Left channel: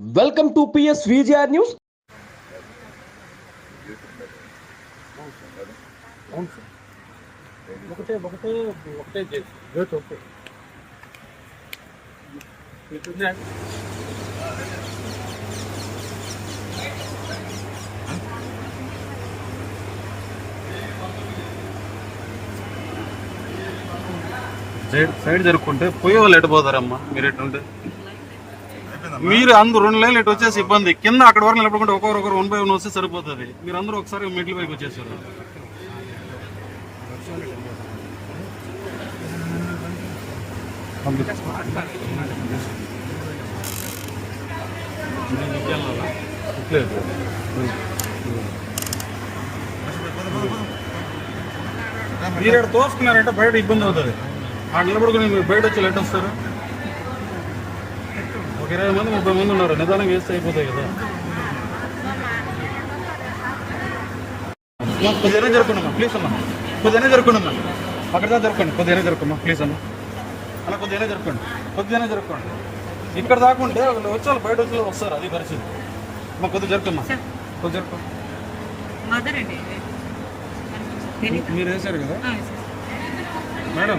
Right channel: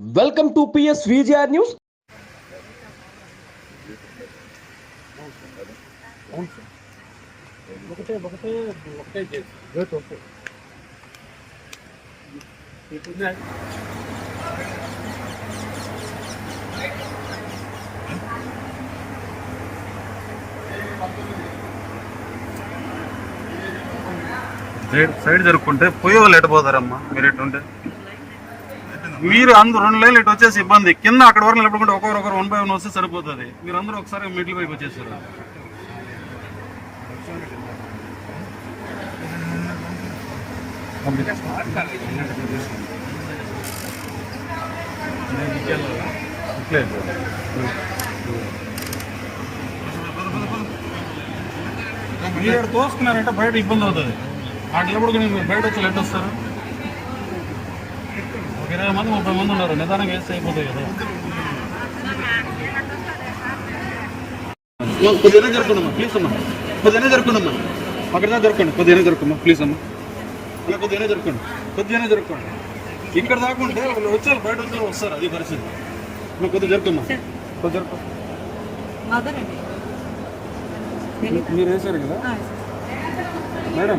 Welcome to PS VGR news. అవును sir ఒకటే ఒకటే ఒకటే చేసి సైడ్ సైడ్ జరుపుకుంటే పోయే వాళ్ళు ఎటు పోతారమ్మా? మీరు ఎటుంటే మీరు అందరూ రెండు లైన్లు ఇటు వచ్చేసి ఇబ్బంది. కింద అక్కడ వరకు నిలబడుకుంటే ఒకరు ఒకరు వన్ బై వన్ వస్తే సరిపోతుంది. మీరు అందరూ ఒకసారి మిడిల్ వైపు వచ్చేసారు. మీరు తోసుకున్నారంటే బయట ఇబ్బంది అవుతుంది. ఆ నిలబడుకుని బయట వచ్చి లెట్ వస్తారు. ఒక ఇరవై మంది ముప్పై మంది ఉన్నారు. నిదానంగా వేస్తే అయిపోతాయి కదా. కొద్దిగా జరుపుకున్నామ్మా ప్లీజ్ అమ్మా. కొద్దిగా జరుపుకున్నామ్మా అక్కడ జరుపుకోండి. కొద్దిగా జరుపుకోమ్మా ప్లీజ్ అమ్మా. అలా కొద్దిగా జరుపుకోండి. కొద్దిగా జరుపుకోండి. ఇక్కడ దాకా ఉంటే వాళ్ళు వచ్చారు బయట వచ్చి వస్తారు అది పరిస్థితి. అమ్మా కొద్దిగా జరుపుకోమ్మా కొద్దిగా జరుపు మీరు వేసారు కదా? మేడం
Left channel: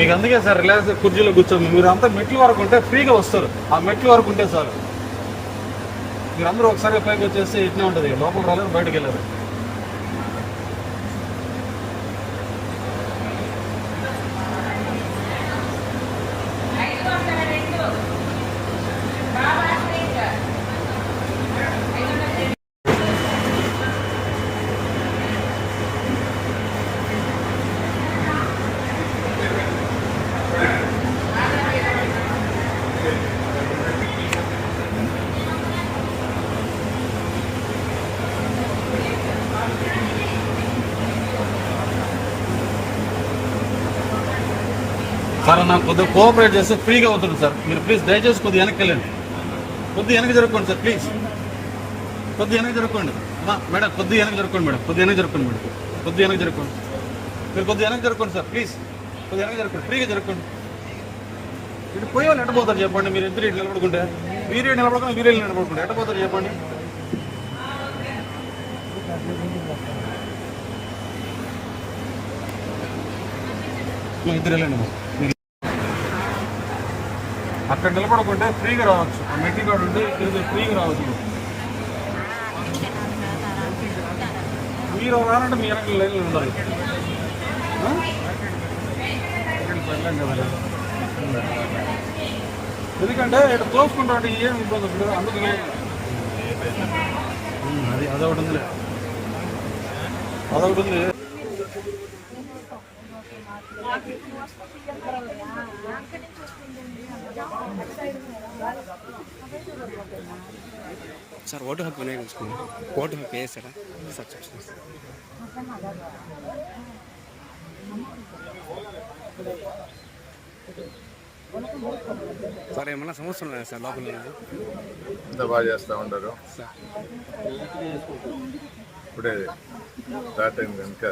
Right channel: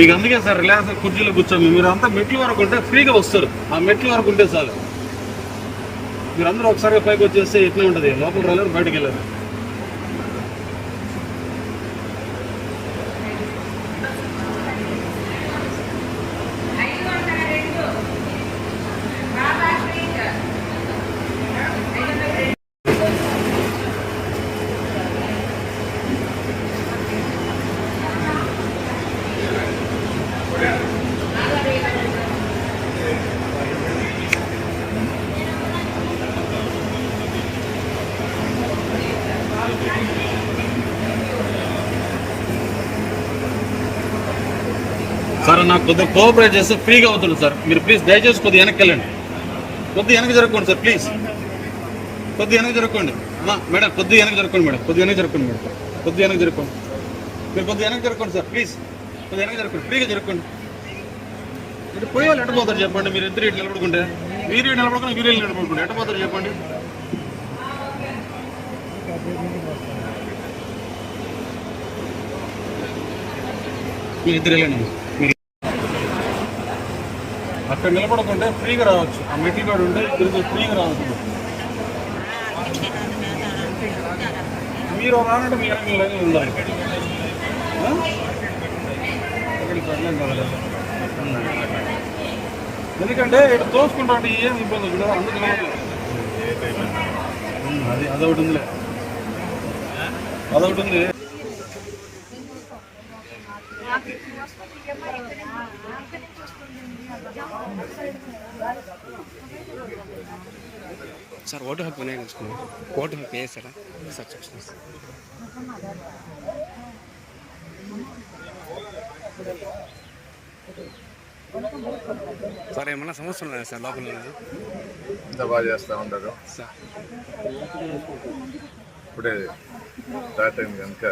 మీకు అందుకే సార్ రిలాక్స్ కుర్చీలో కూర్చోండి. మీరు అంతా మెట్ల వరకు ఉంటే ఫ్రీగా వస్తారు. ఆ మెట్ల వరకు ఉంటే చాలు. మీరు అందరూ ఒకసారి పైకి వచ్చేస్తే ఎట్లా ఉంటుంది? లోపల రాలేరు బయటకు వెళ్ళారు మరి నాకు కొద్దిగా కోఆపరేట్ చేస్తే ఫ్రీగా అవుతుంది సార్. మీరు ప్లీజ్ దయచేసి కొద్దిగా వెనక్కి వెళ్ళండి. కొద్దిగా వెనక్కి జరగకండి సార్ ప్లీజ్ కొద్దిగా వెనక్కి జరగకండి. మేడం కొద్దిగా వెనక్కి జరగకండి మేడం. కొద్దిగా వెనక్కి జరగకండి మేడం. కొద్దిగా వెనక్కి జరుపుకోండి మీరు కొద్దిగా వెనక్కి జరగకండి సార్ ప్లీజ్ కొద్దిగా వెనక్కి జరగకండి ఫ్రీగా జరగకండి. ఇటు పోయాలి ఎట్టపోతారు చెప్పండి. మీరు ఇద్దరు ఇటు నిలబడుకుంటే? మీరు ఇటు నిలబడుకుని వీళ్ళు ఇటు నిలబడుకుంటే ఎట్టపోతారు చెప్పండి. మీరు ఇద్దరు వెళ్ళండి. అక్కడ నిలబడకుంటే ఫ్రీగా రావచ్చు. ఆ మెట్ల కాడ ఉంటే ఇక్కడ ఫ్రీగా రావచ్చు. మీరు రానంటే మీ వెనక లైన్లు ఉండాలి. ఎందుకంటే ఇక్కడ తోసుకుంటా అంటే ఏం ఇబ్బంది ఉండదు. అందుకనే అది అదొకటి ఉందిలే. అదొకటి ఉంది సార్ ఓటు హక్కు వినియోగించుకున్నాం ఓటు హక్కు వేసారా? సార్ చెప్తాను సార్ సార్ ఏమన్నా సమస్యలు ఉన్నాయా సార్ లోపల ఎంత బాగా చేస్తూ ఉంటారు. సార్. ఇప్పుడే స్టార్ట్ అయింది కనుక